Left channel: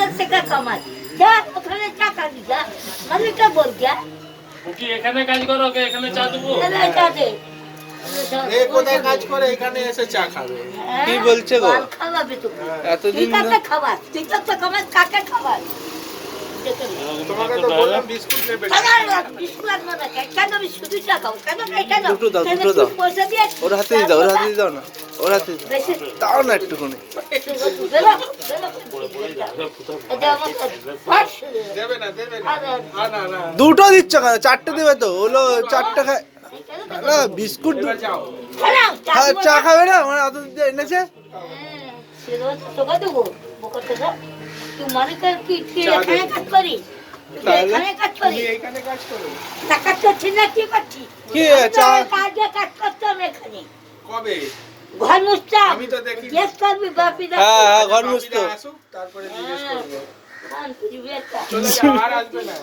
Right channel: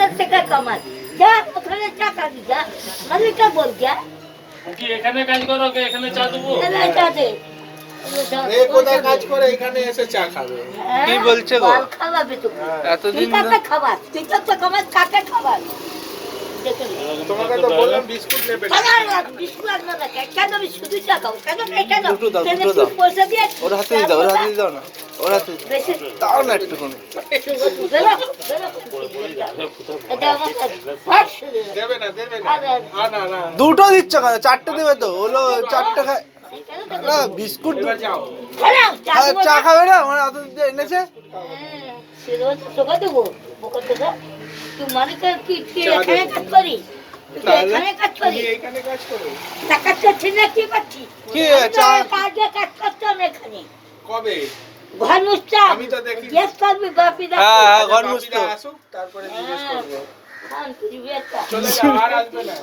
1000 টাকা কামাই যা ওখানে টাকা দি যা মানে কে বল যা কি এখানে কাজ করো কে এখানে চা দেবো না চা দে এ কোথায় কাজ করে এখানে এসে চা খাবে কি বলছে গো খাওয়াবে তো এতদিন ঠিক আছে খাবার ঠিক আছে খাবার কাকে খাবার তোমাকে তো বললাম বিস্কুট নেবে দুটো দাও ওর হাতে দিয়ে দাও না ওর হাতে দাও না একটুখানি দেবে না না না দুটো দিচ্ছ কেন চারটে দেবে তো হলো চারটে খায় না বিস্কুট চা খাবে না মানে এত এনেছে মানে কি এখানে কাজ করিস এখানে কাজ করিস এখানে কাজ করো টাকা করছি না কি করছি কি চা কাজে কাজ করতাম এখানে কবে ঘর মুছতাম আমি তো দেখি গ্যাস করবি গাপিদা হ্যাঁ ঘর মুছতো আসুক তারপরে জিজ্ঞেস করবে ধান পুড়ি বেচা চলে যাও আর আসবে না